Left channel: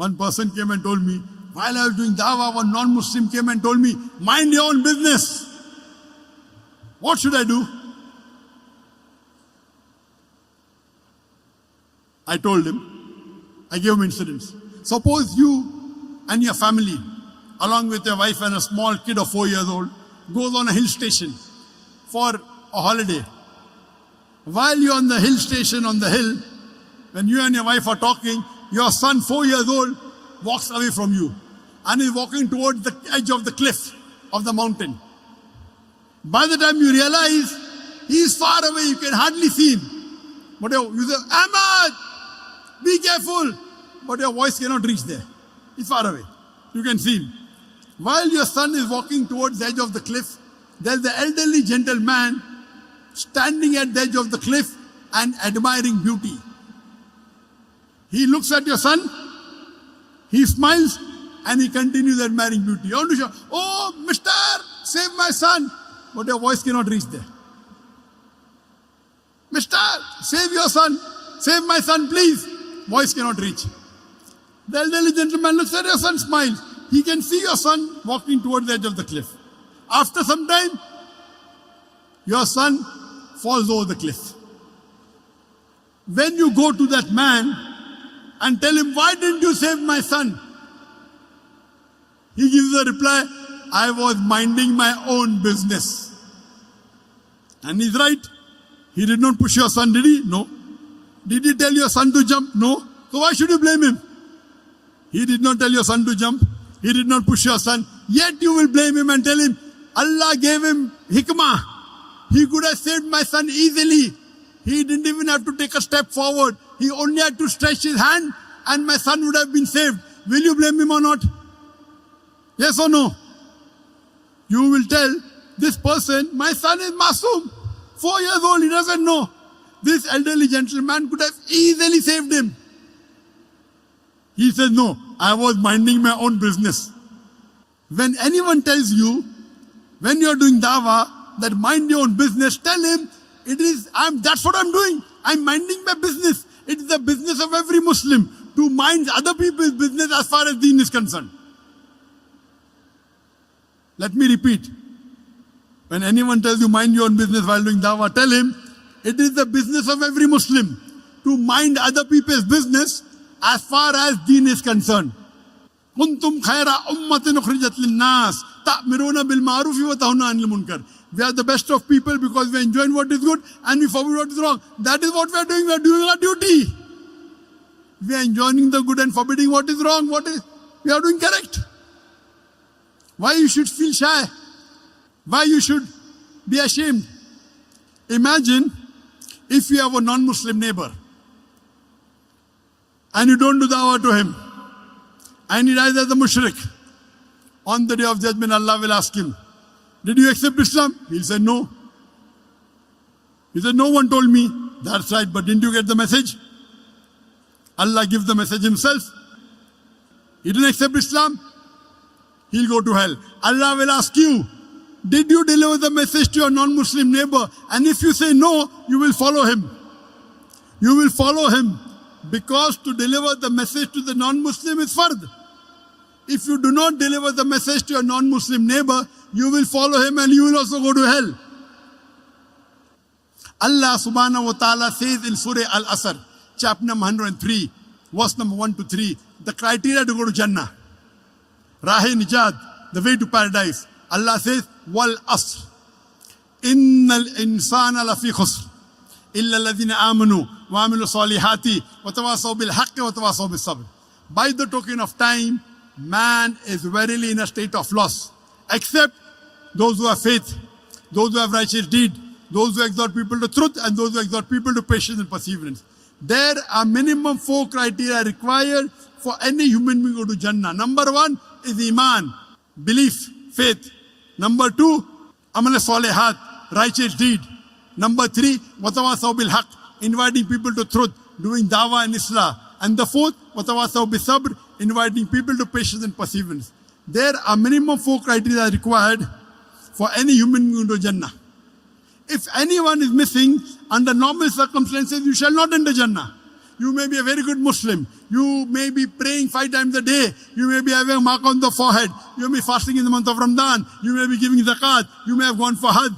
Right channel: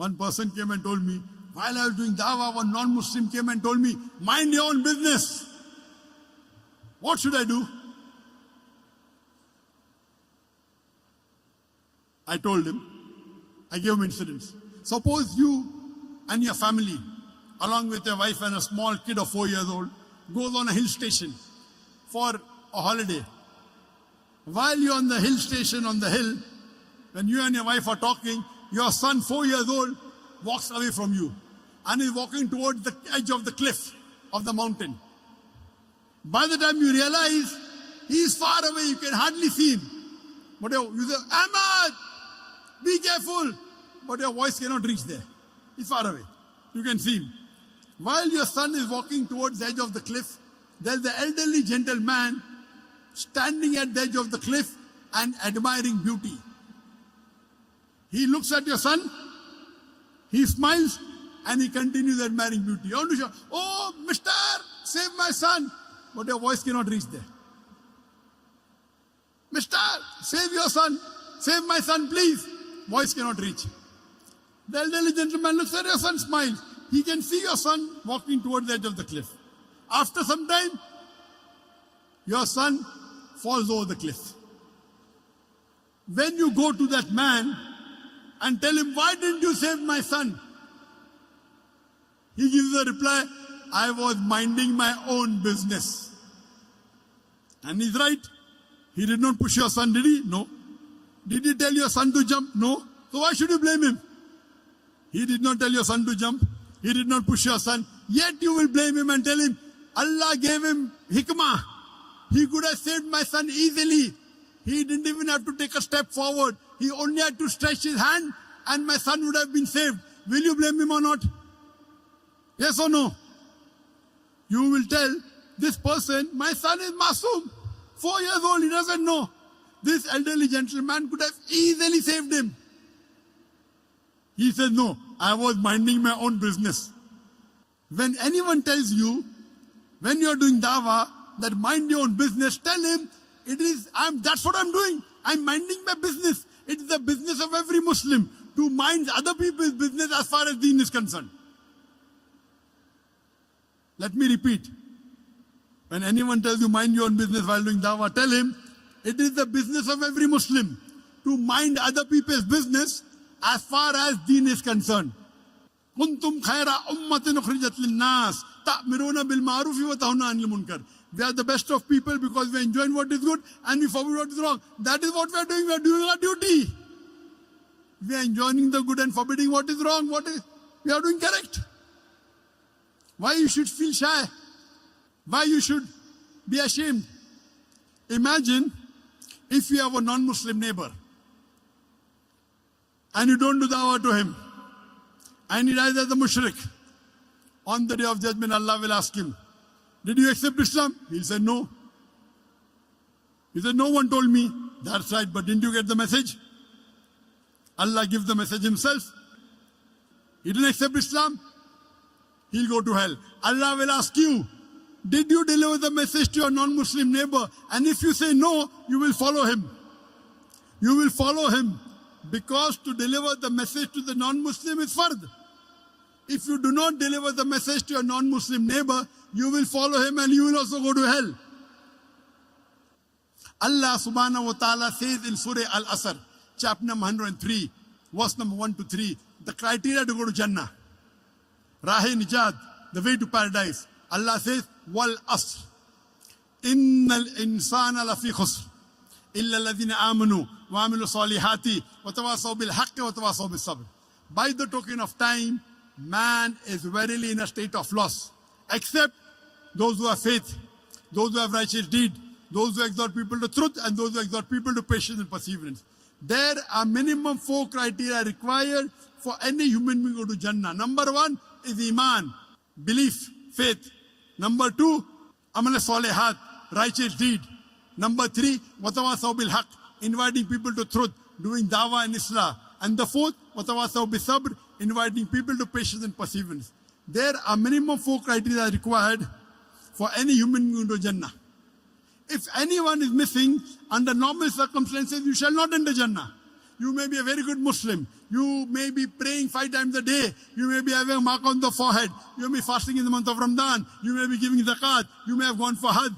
One person came and told me, while I was doing dawah, one non-Muslim came and told me, mind your own business. What should I do? I told him, I gave him incidents. Suppose you and your family, along with your wife and a small kid of 4 years old, goes on a hill station for a holiday. While you're on the hill station, on the hill, when you and your wife are talking, your son, 4 years old, walks away from you and is walking towards the edge of the cliff of the mountain. By the time you realize, he is far away, you can hardly see him. But you say, Ahmad, be careful. But your voice cannot reach there. He's far away. You can see him. While your son is walking towards the edge of the cliff, there's the elderly gentleman standing at the edge of the cliff and admiring beauty. He looks at your son, he smiles, and he continues admiring beauty. You want to shout, oh, mister, save my son. But your voice cannot reach there. Mister, save your son. Save my son, please. Voice cannot reach. The elderly gentleman looks at your son, smiles. He can see your son walking towards the edge of the cliff. After some time, your son falls over the cliff. When you go to that man and tell him, why didn't you save my son? He gives the reply, I was minding my own business. And he's right. He did not push your son, did he? No. Did he tell your son to jump? No. So why should you blame him? He did not tell your son to jump. He did not push your son. Yet you will blame him and tell him, Allah gave him hikmah. He could have saved my son easily. He didn't even have to take a step forward. He only had to stretch his hand and my son would have been saved. Will you blame him or not? Yes or no? You will tell this person, my son is masoom. 4 years old, he doesn't know. This elderly gentleman could have easily saved him. He says, no, I was minding my own business. When anyone tells you, when you're doing dawah, that mind your own business, tell him, that's what I'm doing. I'm minding my business. It is the business of every Muslim to mind other people's business as far as deen is concerned. Let me repeat. When anyone tells you mind your own business while doing dawah, tell him, it is the business of every Muslim to mind other people's business as far as deen is concerned. كنتم خير أمة أخرجت للناس تأمرون بالمعروف وتنهون عن المنكر. We are the best of people because we are enjoying what is good and we forbid what is wrong. That is what we are doing. We are doing our duty. We are enjoying the good and forbidding what is wrong. We are doing correct. Why you should feel shy? Why you should be ashamed? Imagine if you have a non-Muslim neighbor and you don't do dawah to him and he dies as a mushrik. On the day of judgment, Allah will ask him, did you accept Islam? He said, no. He said, no one told me. That's right, but didn't you get the message? Allah gives the message himself. He didn't accept Islam. He'll go to hell. Allah will ask you, did you deliver the message to your non-Muslim neighbor? And if you say no, you will follow him. You will follow him because to deliver the message to the non-Muslim is fard. If you do not deliver the message to your non-Muslim neighbor, you will follow him and you will also go to hell. Allah subhanahu wa ta'ala says in Surah Al-Asr, chapter number 103, verse number 1 to 3, the criteria to go to Jannah. Rahe Nijat, the way to paradise. Allah says, Wal Asr. Innal insana lafi khusr. Illa alladhina amanu wa amilu salihati wa tawasaw bil haqqi wa tawasaw bis sabr. By the token of time, man is verily in a state of loss. Except those who have faith, those who have righteous deed, those who exhort people to truth, and those who exhort people to patience and perseverance. There are minimum 4 criteria required for any human being to go to Jannah. Number 1 is Iman, belief, faith. Number 2, Amal Salihat, righteous deed. Number 3, Watawasaw bil Haq, inviting people to truth, doing dawah and islah. And the 4th, Watawasaw bis Sabr, inviting people to patience and perseverance. There are minimum 4 criteria required for any human being to Jannah. If anyone is missing, under normal circumstances, you shall not enter Jannah. You may be a very good Muslim. You may be praying 5 times a day. You may be having a mark on the forehead. You may be fasting in the month of Ramadan. You may be giving zakat. You may have gone for Hajj.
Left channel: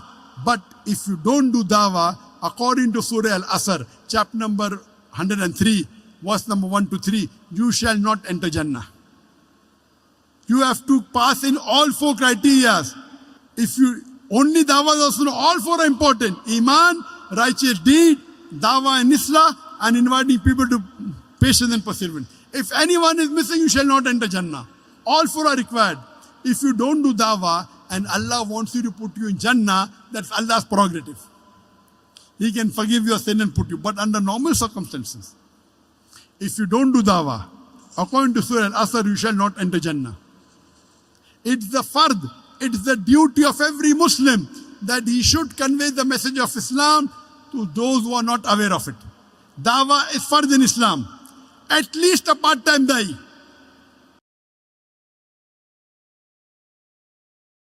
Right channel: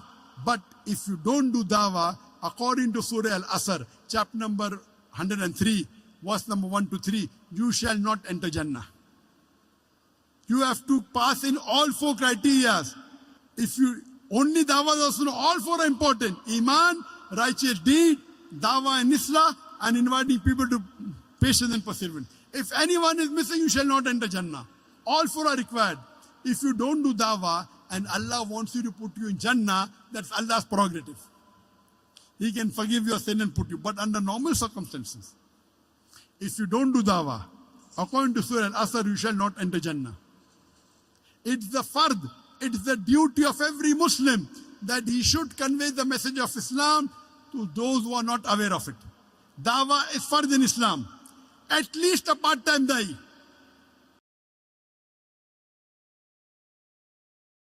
But if you don't do dawah, according to Surah Al-Asr, chapter number 103, verse number 1 to 3, you shall not enter Jannah. You have to pass in all 4 criteria. If you only dawah is also, all 4 are important. Iman, righteous deed, dawah and islah, and inviting people to patience and perseverance. If anyone is missing, you shall not enter Jannah. All 4 are required. If you don't do dawah and Allah wants you to put you in Jannah, that's Allah's prerogative. He can forgive your sin and put you. But under normal circumstances, if you don't do dawah, according to Surah Al-Asr, you shall not enter Jannah. It's the fard, it's the duty of every Muslim that he should convey the message of Islam to those who are not aware of it. Dawah is fard in Islam. At least a part-time da'i.